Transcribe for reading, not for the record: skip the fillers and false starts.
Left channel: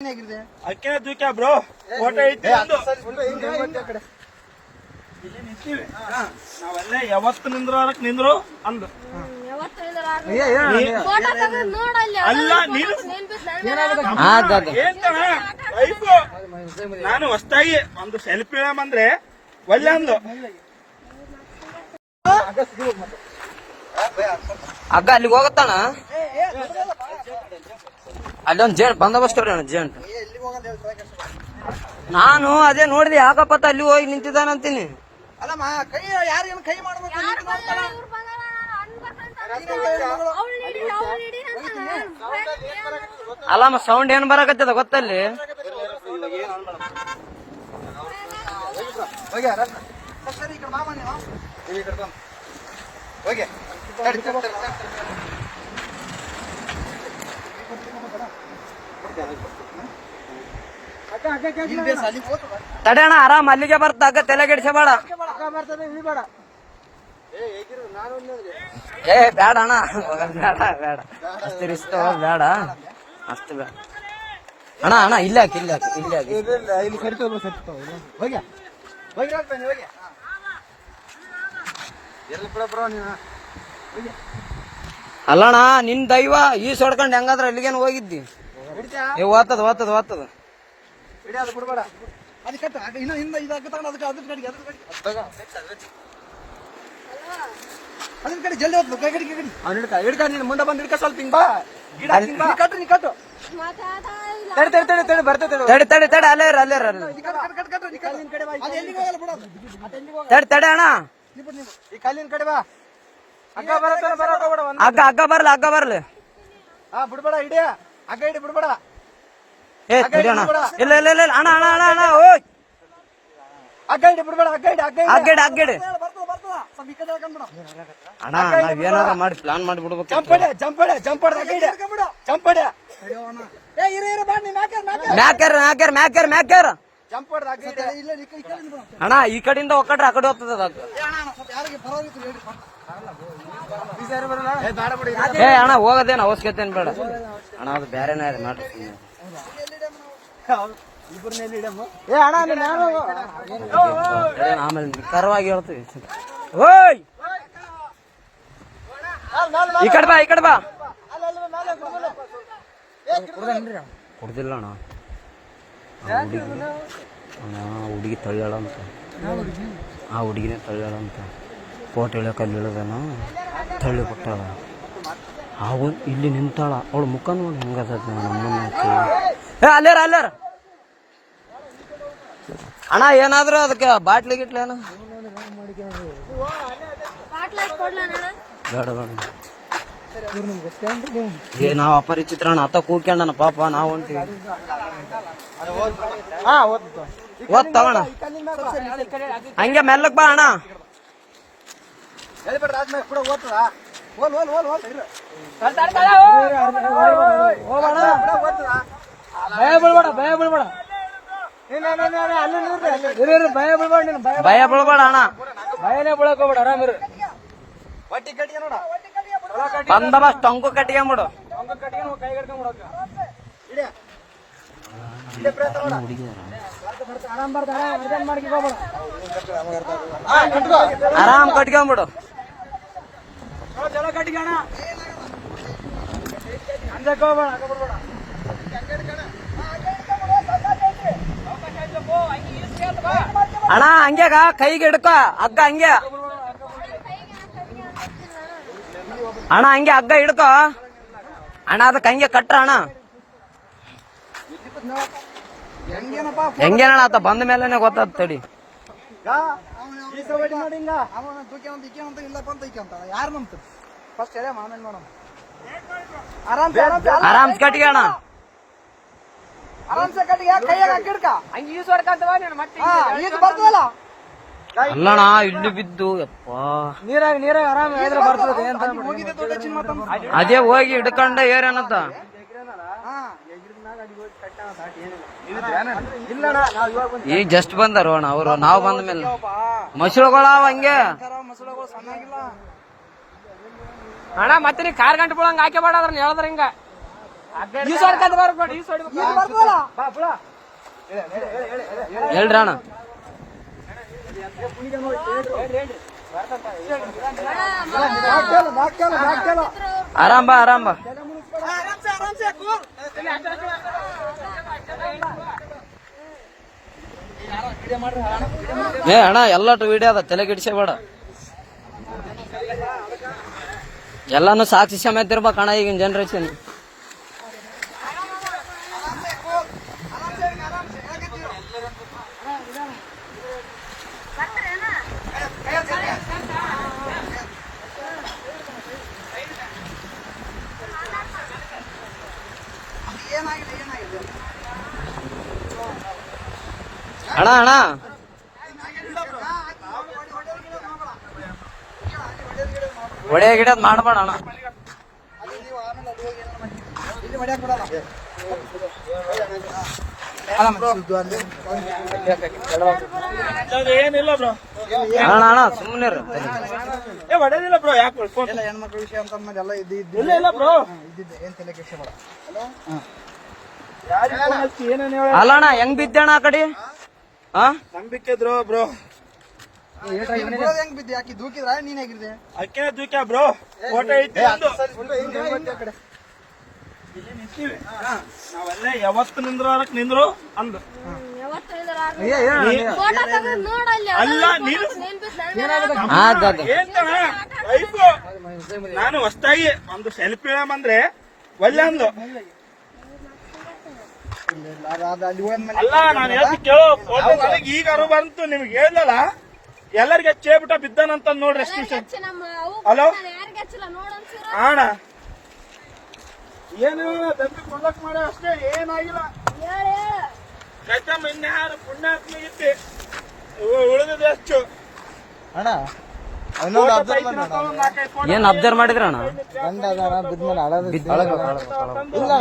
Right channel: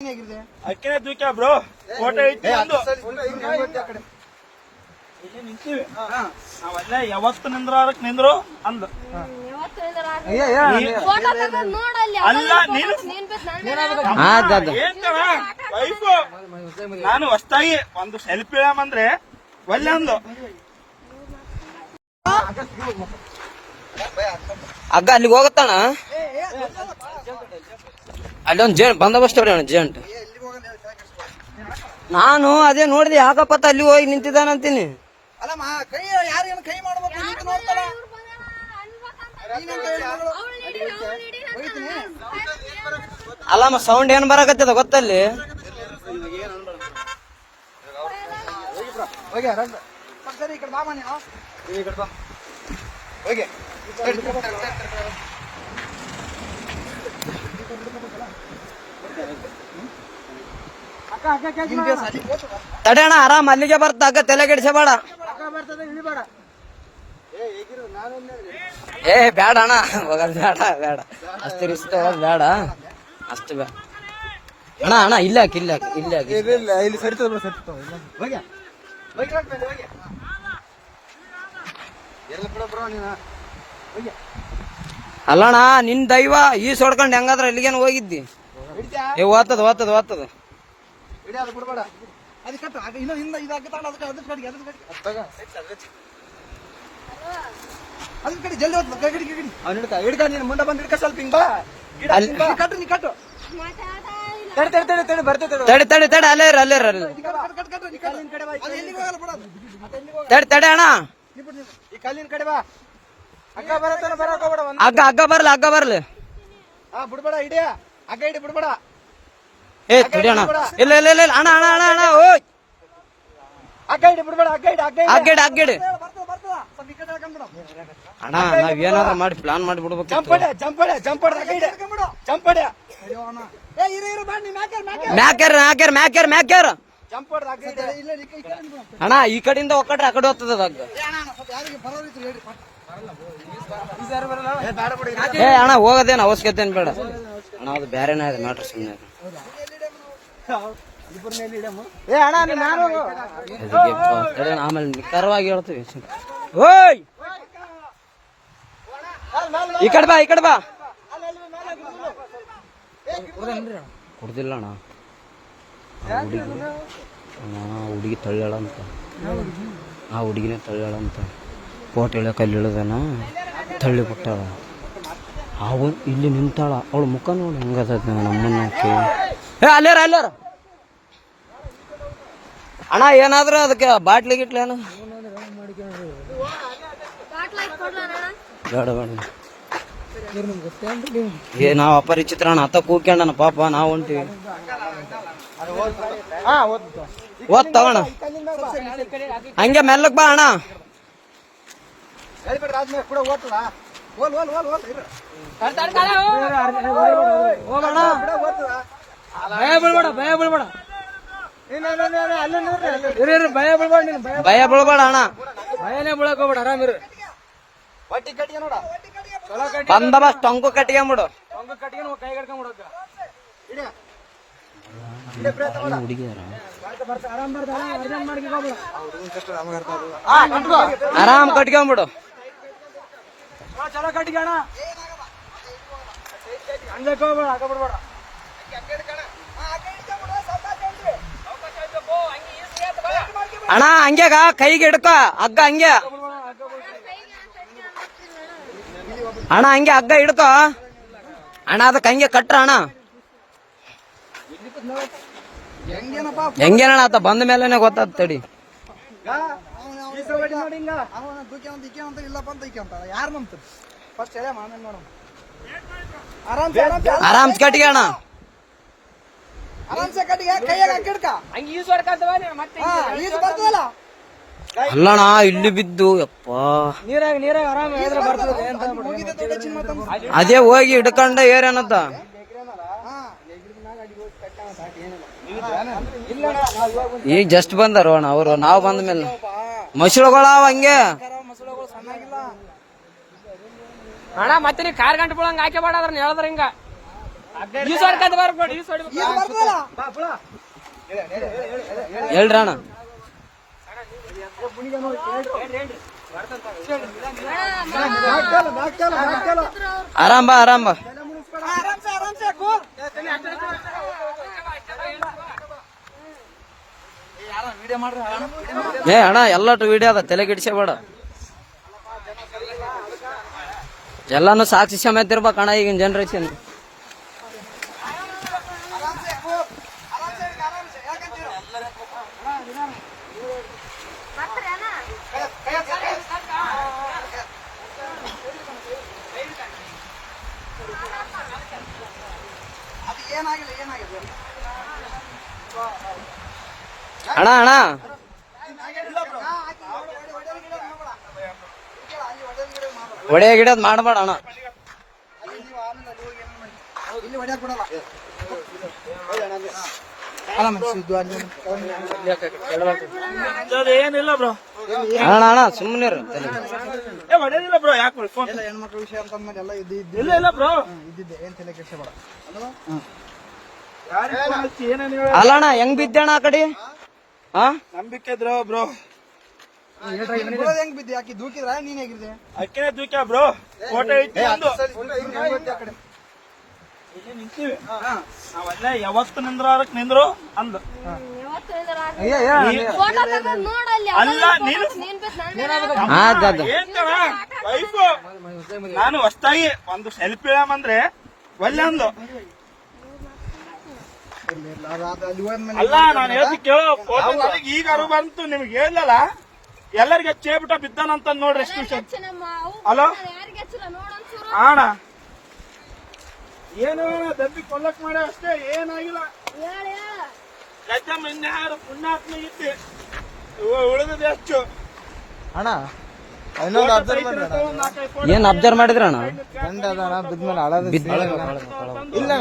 ಅಕ್ಕೇ ದೂಕ್ಯಾ bro photo ಐತಿ ನಿಂತೀವಿ ನಾವಲ್ಲೇ ಯಾವತ್ತು ನಿಂದ್ರಾಡಕ್ ನಿಂದ್ರು ಅಂದು ನಾನು ಹೊಸ್ತಾಗಿ ಒಂದು ಸೆಲ್ಫಿ ಹೇಳಂದ್ರೆ ಒಲ್ಲೆ ಅಂದು ಅಗ್ಗ ಅಲ್ಲಿಗೆ ಹೋಗುತ್ತಾನ ಅಲ್ಲೊಂದು ಬಂದೋಬಸ್ತ್ ಜೇಂಟ್ ನಾನು ಅದೇ ನೋಡಿದೆ ಯಾಕಪ್ಪತ್ತ ಅಲ್ಲಿ ಹೋಗಿ ನಿಂತಿದ್ದಾನಂತೀನಿ ಅಲ್ಲಮ್ಮ ಸೌಂಡ್ ಏನ್ ಬರಕತ್ತದ ಗೊತ್ತಲ್ಲಿ ತಡೆಯಣ ಆರಾಮ್ ಅಲ್ಲಿಗೆ ಬರ್ತ ಅಕ್ಕ ತಲೆ ಕೆಡಿಸಬೇಡ ಏ ಬೇಡ ಅಣ್ಣ ಬೇಡ ಬೇಡ ಅಷ್ಟು ರಿಸ್ಕ್ ಬೇಡ ಅಷ್ಟು ಬೇಡ ಅಣ್ಣ ಅಣ್ಣ ಇಲ್ಲ ಇಲ್ಲ ಇಲ್ಲಿ ಅಲ್ಲಣ್ಣ ನಿನ್ ದೈವ ಈ ಸೊಡ್ಕೊಂಡ್ ಹೆಂಗಾದ್ರ ಅಲ್ಲಿಗೇನು ಹೋಗಿದ್ದಿ ಏ ಓದ್ತದ ಓದ್ತದ ಓದ್ತದ ಬಿಡ್ಬೇಡ ಅದು ಕಟ್ಟು ಇನ್ನೊಂದು ಇದಾಗುತ್ತೆ ಅದ್ರ ಕಡೆ ಜಲ್ದಿ ಅವ್ನು ಹಿಡ್ಕ ನೀನು ಮುಂದೆ ಬಂದು ಹಿಡ್ಕ ಸ್ವಲ್ಪ ಹಿಂಗ್ ಬಾ ಗಿಡ ಕಟ್ಟು ನೀ ಕಟ್ಟು ತಡಿ ಬರ್ತೇವೆ ತಡಿ ತಡಿ ತಡಿ ಅಲ್ಲೇ ತಡಿ ತಡಿ ಅಣ್ಣ ಈ ಕಲ್ಲಿನ ಕಡೆ ಬಾ ಅಗ್ಗ ಬರತ್ತಾನ ಬರಕ್ ಹೋಗ್ಬೇಡ ಅಗ್ಗ ಬರ್ಲಿ ಹಾ ಬಿಡ್ಬೇಡ ಹಿಡಿಯ ಅಗ್ಗ ಹಿಡಿ ಬಿಡ್ಬೇಡ ಏ ತಡಿ ಅಣ್ಣ ಇಲ್ಲ ಇಲ್ಲ ಇಲ್ಲ ಅಣ್ಣ ಅಣ್ಣ ಅಣ್ಣ ಅಣ್ಣ ಓಯ್ ಅಗ್ಗ ಹಿಡಿ ಬಿಡ್ಬೇಡ ಅಗ್ಗಡಿ ಅಣ್ಣ ನಾವ್ ಏನಾರ ಮಾಡಿ ಪ್ಲಾನ್ ಮಾಡಿ ಬಿಡ್ಬೇಕು ಮ್ಯಾಕ್ಯಾರ ಅಣ್ಣ ಈ ಕಡೆಯಿಂದ ಒಕ್ಕಟ್ರೆ ಆ ಕಡೆ ಹೋಗ್ತದೆ ಏ ಅಣ್ಣ ಹೋಗೋದೇನು ಅವಶ್ಯಕತೆ ಏನ್ ಬೇಡ ಅಣ್ಣ ಅದು ಬೇರೆನೇ ಇದೆ ಮ್ಯಾಟ್ರ್ ಸುಮ್ಮನೆ ಆಮೇಲೆ ಕರವಾಗಿ ಹೇಳ್ತೀವಿ ಓಯ್ ಈ ಕಡೆ ಬಾ ಕೊಡ್ದಿಲ್ಲ ಅಣ್ಣ ಹುಡುಗಿ ತಳ್ಳ್ಯಾಳ ಅಂತ ಆ ಹುಡುಗಿನೇ ತಳ್ಳ್ಯಾಳ ಅಂತ ಕೋಟೆ ಇಳಿಯಕ್ಕೆ ಅಲ್ಲಿ ಇಳಿದಾನ ತಳ್ಳಿ ಬಿಟ್ಟಾಳ ಅವು ಇಲ್ಲಿ ನಿಂತಾಳ ಅವಳ ಮುಖ ನೋಡಿ ಹೆಂಗದ ನಮ್ಮನ್ನಕ್ಕೆ ಏ ಅಲ್ಲಾರ ಅಣ್ಣ ಏನಾದ್ರು ಅದಕ್ಕೆ ಬಾಟ್ಲಿ ಗಿಟ್ಲಿ ಏನು ಬೇಡ ಏ ನಾವ್ ಅಪರಿಚಿತ್ರ ಅಣ್ಣ ಅತ್ತ ಕೂಕ್ಯಣ್ಣ ಪಾಪ ನಾವು ಹೊಂಟಿವಿ ಓದ್ತಾವಣ್ಣ ಹಂಗೆ ಮೆಲ್ಲಕ್ ಬಾ ಅಣ್ಣ ಭಯ ಬೀಳ್ಬೇಡ ಅಣ್ಣ ಭಯನೇ ಬೀಳಕ್ ಹೋಗ್ಬೇಡ ಆರಾಮಿರು ಬಟ್ಟಿ ಕಟ್ಟಿಗೆ ನೋಡ ಬಂದೋಬಸ್ತ್ ಟೊಂಕು ಕಟ್ಕೊಂಬಿಡು ಆರಾಮ್ ಕಟ್ಕೊಂಬಿಡು ಚಲೋ ಕಟ್ಟಿಗಣ ಹಂಗಕ್ಕೆ ಹೋಗ್ಬೇಡ ಆಗ ಬಿಡ್ಬೇಡ ಅಣ್ಣ ಹಂಗ್ಯಾಗ ಕೈಗೆ ಹಿಡ್ಕ ಹಗ್ಗ ಹಂಗೆ ಅಣ್ಣ ಹಂಗೆ ಹಗ್ಗ ಹಿಡ್ಕ ಅಣ್ಣ ಅದಕ್ಕೆ ಹಂಗೆ ಕಟ್ರ ಅಣ್ಣ ಹೆಂಗೇನಣ್ಣ ಆತ ಬಂದ ಮೇಲೆನೆ ಗೊತ್ತಾದ ತಡಿ ಯಾರು ನಂಬ್ತ ಫಸ್ಟ್ ಹೇಳ ಆಮೇಲೆ ನೋಡಮ್ಮ ಆರಾಮ್ಸ್ ಕಟ್ಟಿಗೆ ಅಣ್ಣ ಆರಾಮ್ಸೆ ಕಟ್ಟಿಗೆ ಕೈಯಾಗ ಹಾಕಿಡ್ಕ ಹಂಗೆ ಈಸು ಹೊಡ್ಕಂತವ ಮತ್ತೆ ಬರ್ತದಲ್ಲ ಅಲ್ಲಣ್ಣ ಇಲ್ಲಿ ಬಿದ್ದು ಯಪ್ಪ ನೀರಾಗ ಆರಾಮ ಬರ್ತದೆ ಅದೇ ಹೋಗಿ ಹಿಡ್ಕೊಂಡ ಏರೇನತ್ತ ಈಗ ಜಸ್ಟ್ ಬಂದಾರ ಅಣ್ಣ ಅವರು ನಾವು ಬಂದ ಮೇಲೆ ಮಸಳುಗಳಾವ ಹಂಗೆ ಅಣ್ಣ ಮತ್ತೆ ನೀ ಕಾರ್ ಗಂಟೆ ಬಿಡಂಗ ಹಾಕಿ ಬೇಡ ಹೇಳಿದ್ರ ಹಿಂಗ ಈಶ್ವರ್ಕಂತ ಬರ್ಬೇಡಿ ಈಶ್ವರ್ ಬಾ ಬುಳ ಹೇಳ್ರಿ ಅಣ್ಣ ಆರಾಮ್ ಬಾ ಆರಾಮ್ ಬಾ ಏ ಅಣ್ಣ ಎಲ್ಲಟು ವಿಡಿಯೋ ಅದ ತಲೆ ಗಿಡ್ಸೇಬೇಡ ಎಲ್ಲಾನು ಸಾಕ್ಷಿ ಸಮೇತ ಇರ್ಬೇಕಣ್ಣ ಈಗಿನ ಜನರೇಷನ್ ಅಣ್ಣ ಅಣ್ಣ ಒಡೆ ಗಿಡದ್ ಮಾಡಬೇಡ ಅಣ್ಣ ಏನಿಲ್ಲ ಬ್ರೋ ಅಣ್ಣ ಅಣ್ಣ ಸುಮ್ಮನೆ ಹೊಡೆದಿಲ್ಲ ಬ್ರೋ ಯಾಕೆ ಹೆಣ್ಮಕ್ಳ ವಿಷಯ ಅಂತ ಎಲ್ಲ ಇಲ್ಲ ಇಲ್ಲ ಬ್ರೋ ಇದ್ದಿದ್ದೆ ಏನ್ ತಲೆ ಕೆಡ್ಸಬೇಡ ಅಲ್ಲ ಅಣ್ಣ ಹೆಂಗ್ ಬಿದ್ದಣ್ಣ ಆ ಕಡೆ ನಂಬಿಕೆ ಇದ್ರು ಬ್ರೋ ಹೆಂಗ್ ಬಿದ್ದೆ ಯಾಕೆ ದೂಕಿದ್ರ ನೀನ್ ಹೇಗಿದ್ದೆ ಅಕ್ಕಿನ ದೂಕ್ಯ ಬ್ರೋ ಫೋಟೋ ಇಟ್ಟು ನಾವೆಲ್ಲ ಯಾವತ್ತು ನಿಂದ್ರಕ್ ನಿಂದ್ರು ಅಂದು ಅಲ್ಲ ನಾನು ಹೊಸ್ತಾಗಿ ಒಂದು ಸೆಲ್ಫಿ ಇಳಮಂದ್ರೆ ಒಳ್ಳೆ ಅಂದು ಅಲ್ಲ ನಾನು ಹೇಳ್ತಿ ಕೇಳೋ ಫೋಟೋ ನನಗೆ ಈಗ ಅರು ಬಂತು ನಿಮ್ಗೆ ಹೇಳಲ್ಲ ಎಲ್ಲರಿಗೆ ಹಚ್ಚೇಬಿಟ್ಟ ಬಿದ್ದಾನಂತ ನೋಡ್ರಿ ಎಷ್ಟು ಹಲೋ ಅಣ್ಣ ಏನೇನ ದಬ್ಬಿ ಕೊಲ್ಲಕ್ ಮಾಡ ಅಷ್ಟೇ ಏನಾಗಿಲ್ಲ ಇನ್ಯಾರು ಪುಣ್ಯಾತ್ಮಿಗಿತ್ತಿ ಉಳಿದ ಹೆಚ್ಚು ಅಣ್ಣ ಏನ್ ಅಬ್ಸರ್ವ್ ಮಾಡಿದ್ರಿ ಅಣ್ಣ ಬಿದ್ದ ಇಲ್ಲ